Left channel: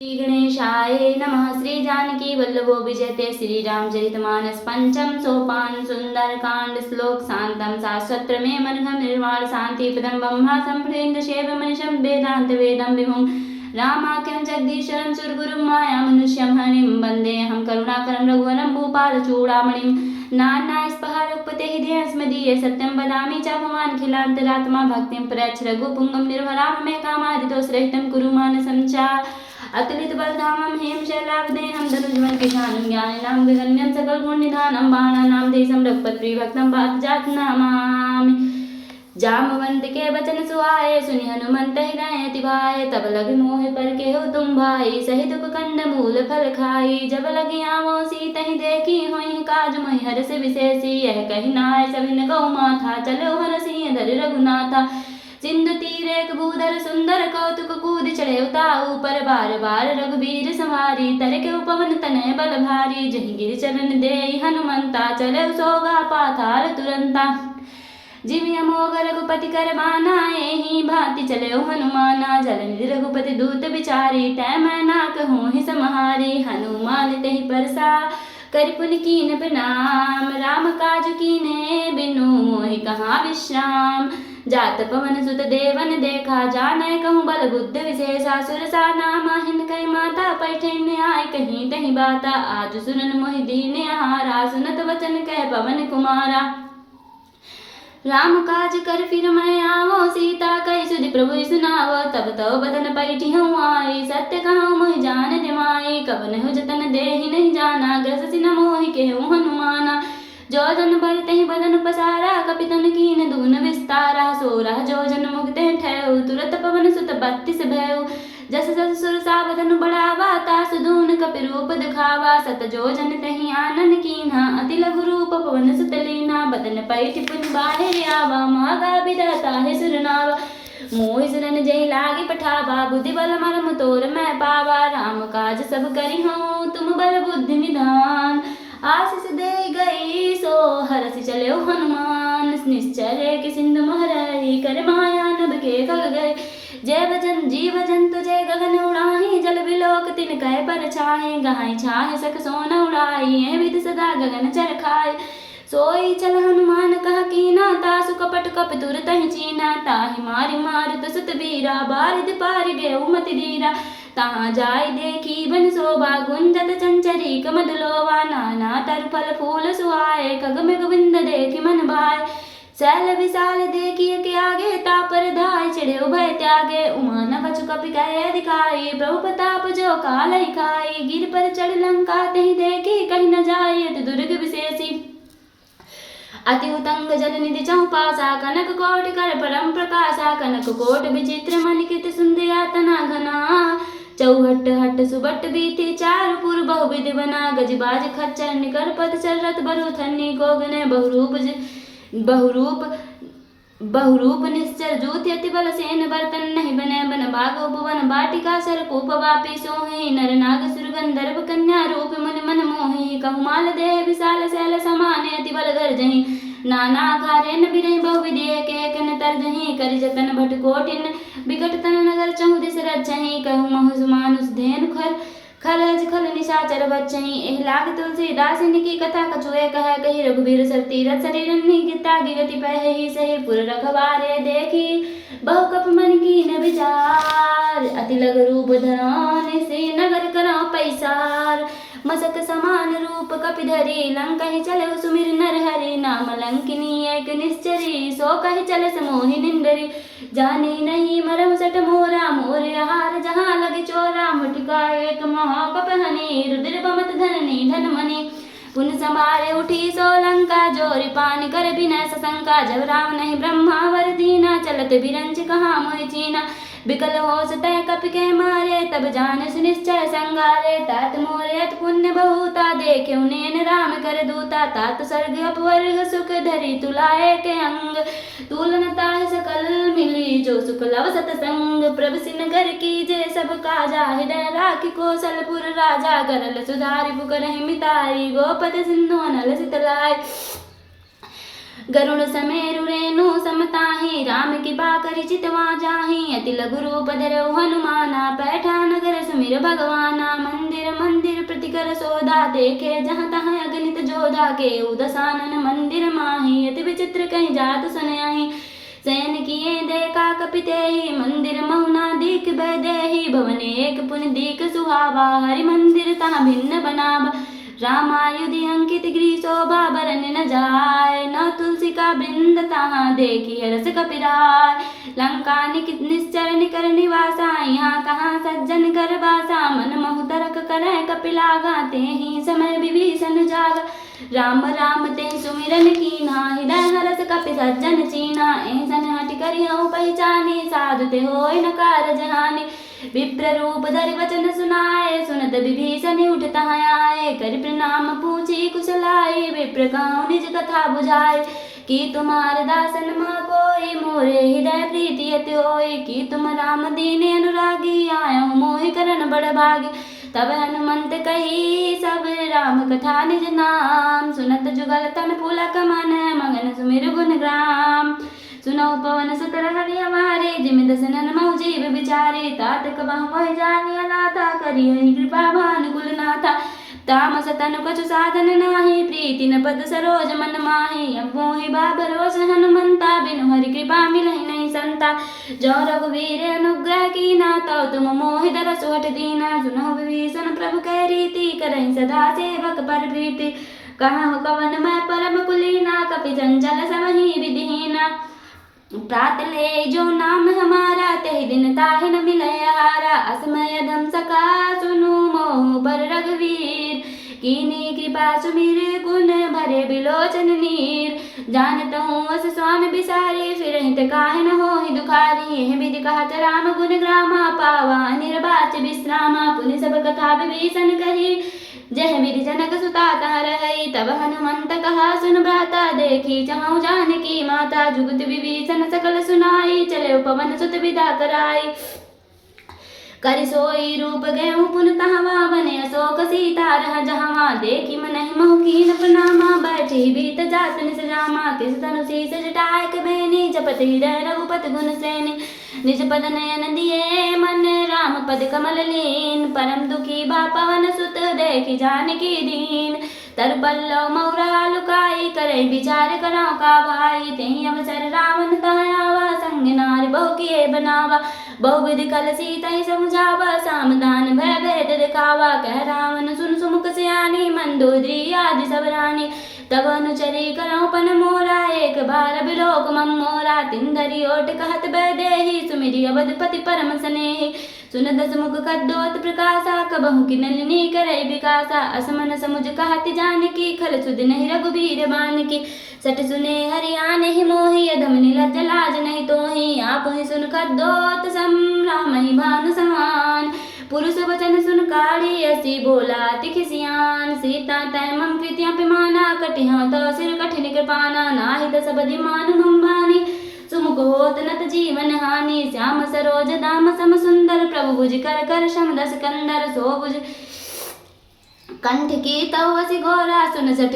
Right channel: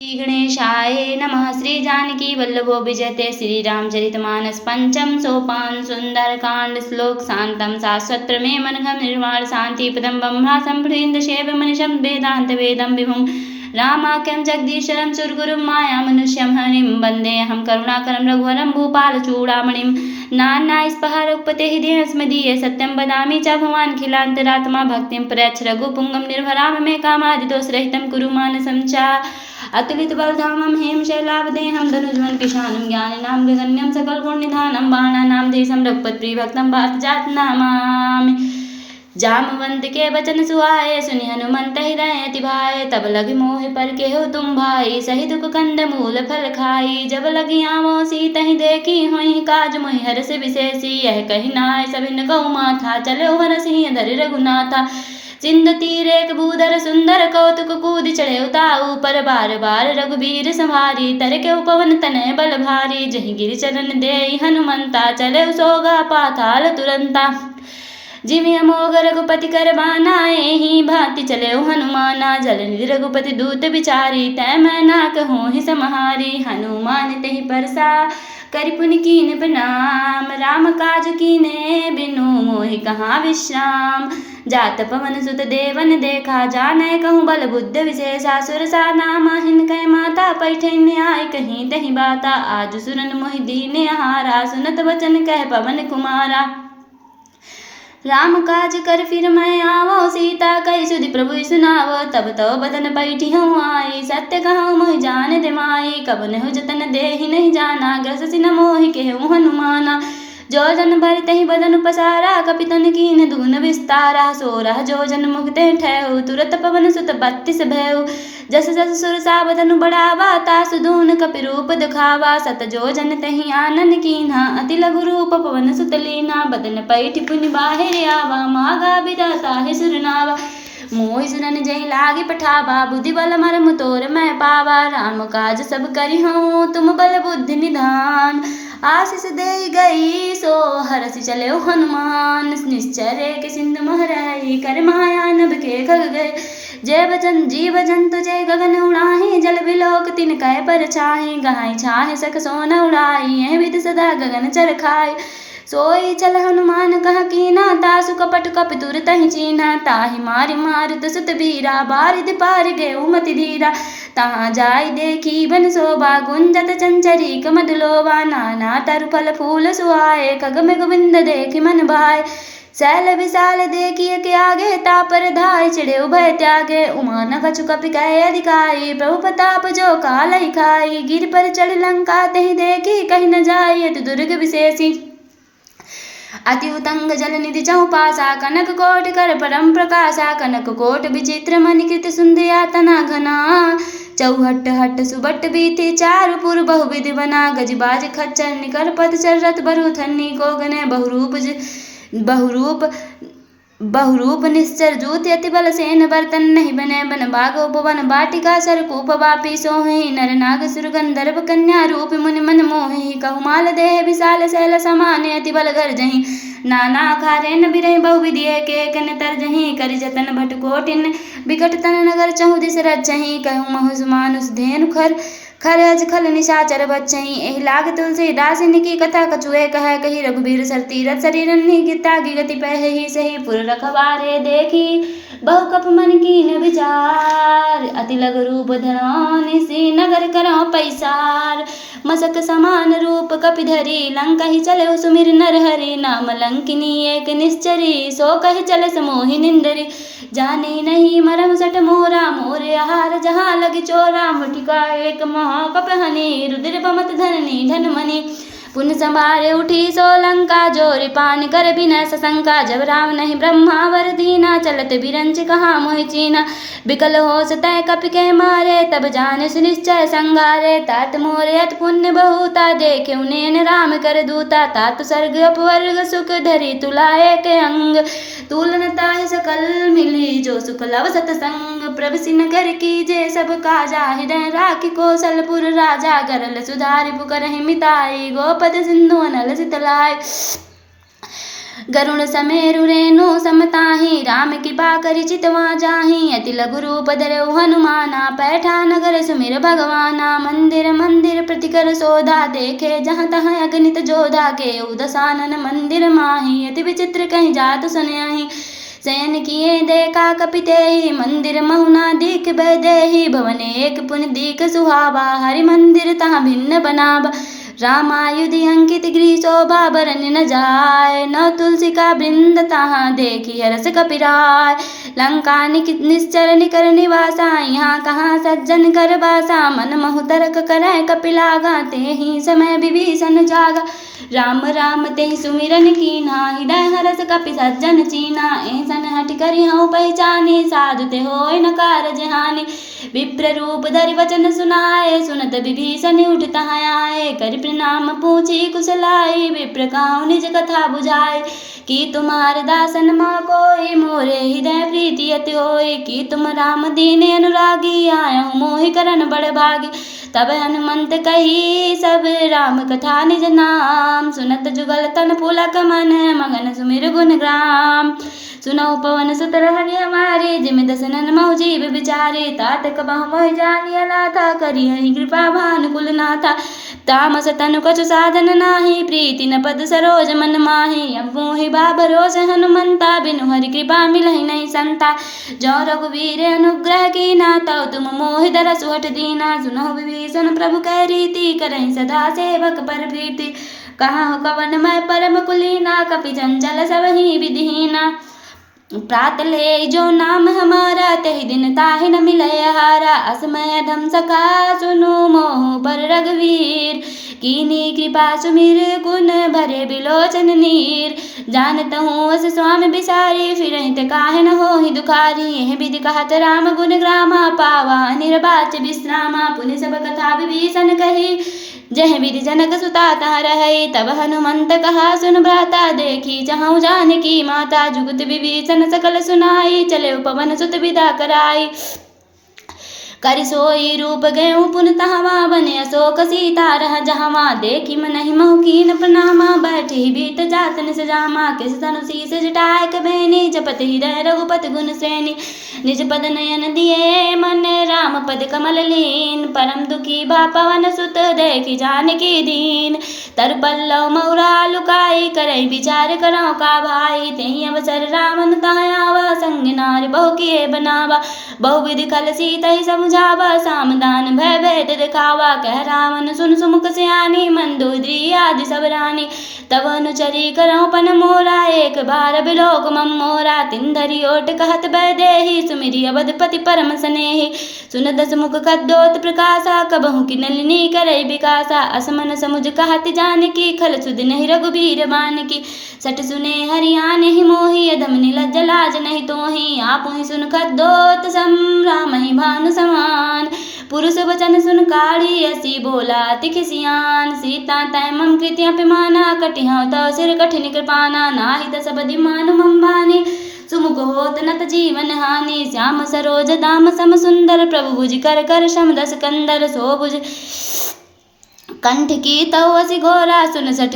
श्री गणेशाय नमः। श्री जानकी वल्लभो विजयते श्री रामचरितमानस पंचम सोपान सुंदरकांड श्लोक शांतम शाश्वत प्रमेय मनघम निर्वाण शांति पदम ब्रह्मा संप्रींद शेव मनिषम वेदांत वेदम विभुम रामाख्यम जगदीश्वरम सुरगुरुम माया मनुष्यम हरिम वंदे हम करुणाकरम रघुवरम भूपाल चूड़ामणिम नाना स्पहारोपते हृदय स्मदीय सत्यम बदामी च भवान खिलांतरात्मा भक्तिम प्रयच्छ रघुपुंगम निर्भराम मे कामादिदोष रहितम कुरु मानसं च अतुलित बलधामं हेम शैलावदेहं धनुर्धर किशानं ज्ञानिनां गगन्यं सकल गुणनिधानं बाणानां देशं रघुपतिभक्तं बात जात नमामि। जामवंत के बचन सुहाए सुनि हनुमंत हृदय अति भाए तब लगे मोह पर के हो तुम भाई सहित कंद मूल फल खाई जब लगी आवो सीत ही देखी होई काज मोहि हर्ष विशेषी यह कही नाय सभी न कहु माथा चलो हर सिंह धरि रघुनाथा सिंधु तीर एक भूधर सुंदर कौतुक कूद चढ़े उताऊ पर बार बार रघुबीर संहारी तर के उपवन तनय बल भारी जहि गिर चरण दे हनुमंता चले सोगा पाताल तुरंता जिमि अमोघ रघुपति कर बानाए ही भांति चले हनुमाना जल निधि रघुपति दूत विचारी तय मैं ना कहूँ ही समहारी हनुमान तेहि परसा करि पुनि कीन प्रणाम राम काज कीने बिनु मोहि कहाँ विश्राम जात पवन सुत देवन देखा जाने कहूँ बल बुद्ध विशेषा सुरसा नामा हिन कह माता पैठे न्याय कहीं तही बाता आज सुरन मोहि दीने हारा सुनत वचन कह पवन कुमारा राम काज कर फिर मैं आवो सीता कही सुधि प्रभु सुनावो तब तो बदन पैठी हूँ आई सत्य कहूँ मोहि जान दे माई कबन हो जतन दे ही नहीं जाना ग्रस सिन मोहि के हनुमाना जो जन भर तही बदन पसारा कपितन कीन दून विस्तारा सोरा जो जन मुगते ठहु तुरत पवन सुत 32 भयउ जस जस सुरसा बदन बढ़ावा तासु दून कपि रूप दिखावा सत जो जन तही आनन कीन्हा अति लघु रूप पवन सुत लीना बदन पैठ पुनि बाहिर आवा मागा विधाता है सुरनावा मोहि सुनन जय लागी पठावा बुद्धि बल मर्म तोर मैं पावा राम काज सब करी हूँ तुम बल बुद्धि निधान आशीष दे गई सो हरसि चले हनुमान निश्चर के सिंधु महरई कर माया नभ के खग गए जय वचन जीव जंतु जय गगन उड़ाही जल बिलोक तिन कह पर छाहे गाय छाहे सक सोन उड़ाई है विद सदा गगन चर खाए सोई चल हनुमान कह कीना तासु कपट कप तुर तहि चीना ताहि मारि मारुत सुत बीरा बारिद पार गए मति धीरा तहाँ जाय देखी बन शोभा गुंजत चंचरी कमदलोवा नाना तर फल फूल सुहाए खगम गोविंद देखी मन भाए शैल विशाल देखिए के आगे तापर धाय चिड़े उभय त्यागे उमान कछु कपि कहे अधिकारी प्रभु प्रताप जो काल खाई गिर पर चढ़ लंका तही देखी कहीं न जाय दुर्ग विशेषी अति उतंग जल निधि चौपासा कनक कोट कर परम प्रकाशा कनक कोट विचित्र मणिकृत सुंदया तना घना चौहट हट सुबट बीती चार पुर बहुविधि बना गजबाज खच्चर निकर पद चरत बरु थन्नी गोगने बहुरूप निश्चर जूत अति बल सेन बर्तन नहीं बने बन बाग उपवन बाटिका सरकूप वापी सोहि नर नाग सुर गंधर्व कन्या रूप मुनि मन मोहि कहुमाल देह विशाल शैल समान अति बल घर जही नाना खारेन बिरहि बहुविधि के कन तर जही करि जतन भट कोटिन बिकट तन नगर चहु दिस रचही कहु महु मानुष धेनु खरज खल निशाचर बच्चही एहि लाग तुलसीदास निकी कथा कछुए कह कही रघुबीर सर तीरथ शरीर गीता की गति पहि सही पुर रखवारे देखी बहु कप मन कीन विचार अति लघु रूप धरौनि से नगर करौ पैसार मसक समान रूप कपि धरी लंका ही चले सुमिर नर हरि नाम लंकिनी एक निश्चरी सो कहि चले समोहि निंदरी जानी नहीं मरम सट मोरा मोरे आहार जहाँ लगी चोरा मटिका एक महाकप हनी रुद्र पमत धरनी धन मणि पुन समारे उठी सोलंका जोरी पानी कर बिना सशंका जब राम नहीं ब्रह्मा वर दीना चलत बिरंच कहाँ मोहि चीना बिकल हो सतह कपि के मारे तब जान सुनिश्चय संगारे तात मोरे अत पुण्य बहुता देखे उन्हें राम कर दूता तात सर्ग अपवर्ग सुख धरी तुलाए के अंग तुलनता है सकल मिली जो सुख लव सतसंग प्रभ सिन कर कीजे सब काजा हृदय राखी कौशलपुर राजा गरल सुधारि पुकर मिताई गोपद सिंधु अनल सितलाय गरुण समेरु रेणु समताहि राम कृपा करि चितवा जाहि अति लघु रूप धरऊ हनुमाना पैठा नगर सुमिर भगवाना मंदिर मंदिर प्रति कर सोधा देखे जहाँ तहाँ अगणित जोधा के दशानन मंदिर माहि अति विचित्र कहीं जात सुनयाहि शयन किए देखा कपितेहि मंदिर महुना दीख बदेहि भवन एक पुन दीख सुहावा हरि मंदिर तहाँ भिन्न बनावा रामायुध अंकित गृह शोभा बरन न जाय न तुलसी का वृंद तहाँ देखी हरस कपिराय लंका निश्चर निकर निवासा यहाँ कहाँ सज्जन कर बासा मन महु तरक करे कपिलागा ते ही समय विभीषण जागा राम राम ते सुमिरन कीना हृदय हरस कपि सज्जन चीना ऐसन हट करियो पहचानी साधु ते होय न कारज हानि विप्र रूप धरि वचन सुनाए सुनत विभीषण उठ तहाँ आए कर प्रणाम पूछी कुशलाई विप्र काहु निज कथा बुझाए कि तुम्हार दासन माँ कोई मोरे हृदय प्रीति अति होय कि तुम राम दीन अनुरागी आयो मोहि करन बड़ भागी तब हनुमंत कही सब राम कथा निज नाम सुनत जुगल तन पुलक मन मगन सुमिर गुण ग्राम सुनऊ पवन सुत हरि हमारे जिम दसनन मऊ जीव बिचारे तात कबह मोहि जानिया नाथा करी हरि कृपा भानुकुल नाथा तामस तनु कछु साधन नाही प्रीति न पद सरोज मन माहि अब मोहि बाबरोस हनुमंता बिनु हरि कृपा मिलहि नहीं संता जो रघुवीर अनुग्रह की नाता तुम मोहि दरस हट दीना सुनो विभीषण प्रभु कह रीति करहि सदा सेवक पर प्रीति कहा हो कवन मैं परम कुलीना कपि जंजल सबहि विधिहीना प्रात ले जो नाम हमारा तहि दिन ताहि न मिलय हारा असमय धम सका सुनु मोह पर रघुवीर कीनी कृपा सुमिर गुण भरे बिलोचन नीर जानत हूँ अस स्वामी बिसारी फिर हित काहे न होहि दुखारी यह विधि कहत राम गुण ग्रामा पावा निर्बाच विश्रामा पुनि सब कथा विभीषण कही जह विधि जनक सुता तहाँ रही तब हनुमंत कहा सुन भ्राता देखी जहाँ जानकी माता जुगत विभीषण सकल सुनाई चले पवन सुत विदा कराई कर सोई रूप गयु पुन तहवा बने अशोक सीता रह जहवा देखी मनहि मोहकीन प्रणामा बैठी बीत जात निज जामा किस तनु शीस जटाय के बहनी जपत हृदय रघुपति गुण सैनी निज पद नयन दिए मन राम पद कमल लीन परम दुखी बा पवन सुत देखी जानकी दीन तर पल्लव मौरा लुकाई करई विचार करो का भाई तेहि अवसर रावण तायावा संग नारी बहु किए बनावा बहुविधि कल सीता ही समझावा सामदान भय भेद दिखावा कह रावण सुन सुमुख सियानी मंदोदरी आदि सब रानी तब अनुचरी करो पन मोरा एक बार बिलोक मम मोरा तिंदरी ओट कहत बैदेही सुमिरी अवधपति परम स्नेही सुन दस मुख कद्दोत प्रकाशा कबहु की नलिनी करई विकासा असमन समुझ कहत जानकी खल सुध नहीं रघुबीर बानकी सट सुने हरियाण ही मोही अधम नीलज लाज नहीं तोही आप ही सुन कद्दोत सम राम ही भानु समान पुरुष वचन सुन काढ़ी ऐसी बोला तिख सियान सीता तय मम कृत्य पिमाना कटिहा तो सिर कठिन कृपाना नाहित सब दिमान मम बानी सुमुख होत नत जीवन हानि श्याम सरोज दाम सम सुंदर प्रभु भुज कर कर शम दस कंदर सो भुज कंठ की तो घोरा सुन सठ